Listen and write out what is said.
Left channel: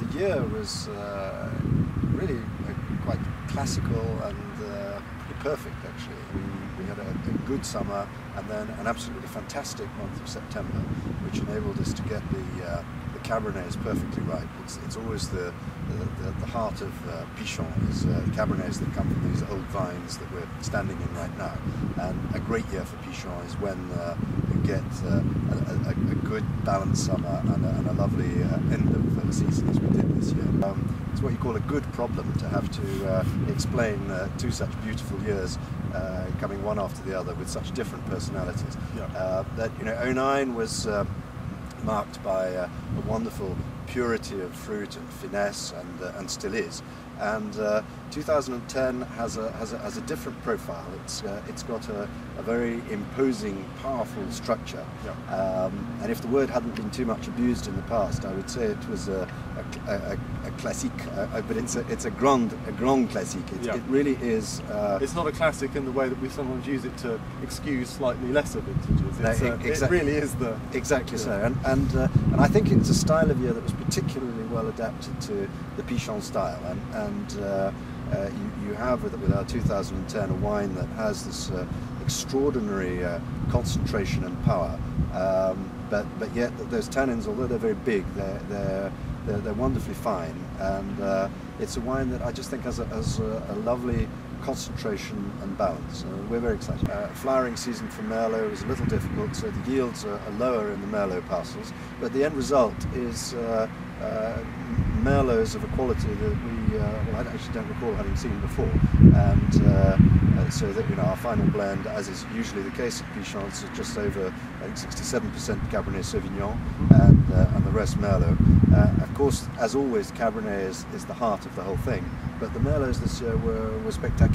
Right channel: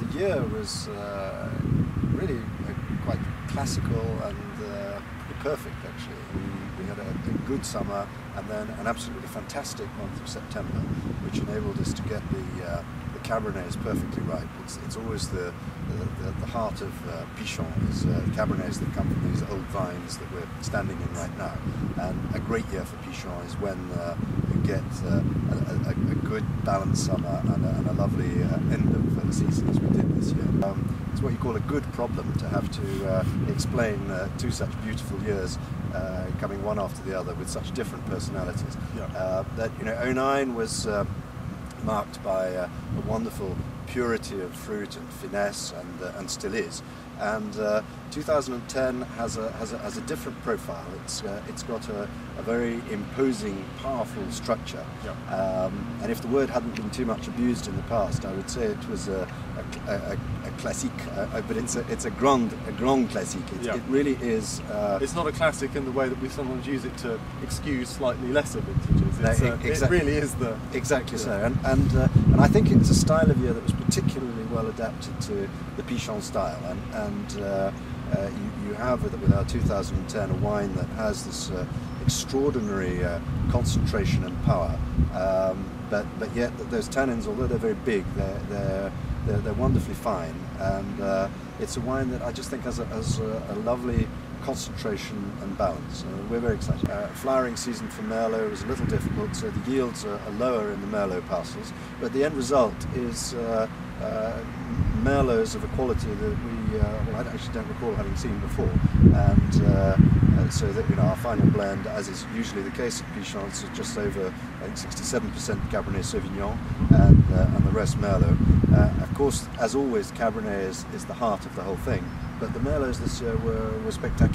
the year was really quite classical and pretty perfect actually. We had a good summer and then an absolutely fantastic month of September, which enabled us to get the Cabernets perfectly right. It's always the heart of Pichon is Cabernets that come from these old vines that we're standing in right now. And a great year for Pichon is when you get a good balanced summer and a lovely end of the season as we did this year. It's what you call a good problem to have to explain two such beautiful years coming one after the other with such different personalities. Yeah. That 09 was marked by a wonderful purity of fruit and finesse, and still is. And 2010 has a different profile. It's got a very imposing, powerful structure. Yeah. And if the word hadn't been too much abused in the past, I would say it was a classique. But it's a grand classique. Yeah. It really is. It's not a classic in the way that we sometimes use it to excuse slightly lesser vintages. Exactly. It really is the exactly so. And I think it's a style of year that was particularly well adapted to the Pichon style. And you have with our 2010 a wine that has this extraordinary concentration and power, but yet those tannins, although they're very big, they're wonderfully fine, and it's a wine that I just think has a lovely concentration and balance. We're very excited. Flowering season for Merlot was a little difficult, so the yields are lower in the Merlot parcels, but the end result is Merlots of a quality that I actually don't recall having seen before, and so that our final blend, as is usually the case at Pichon, is just over, I think, 67% Cabernet Sauvignon, and the rest Merlot. Of course, as always, Cabernet is the heart of the whole thing, but the Merlots this year were spectacular.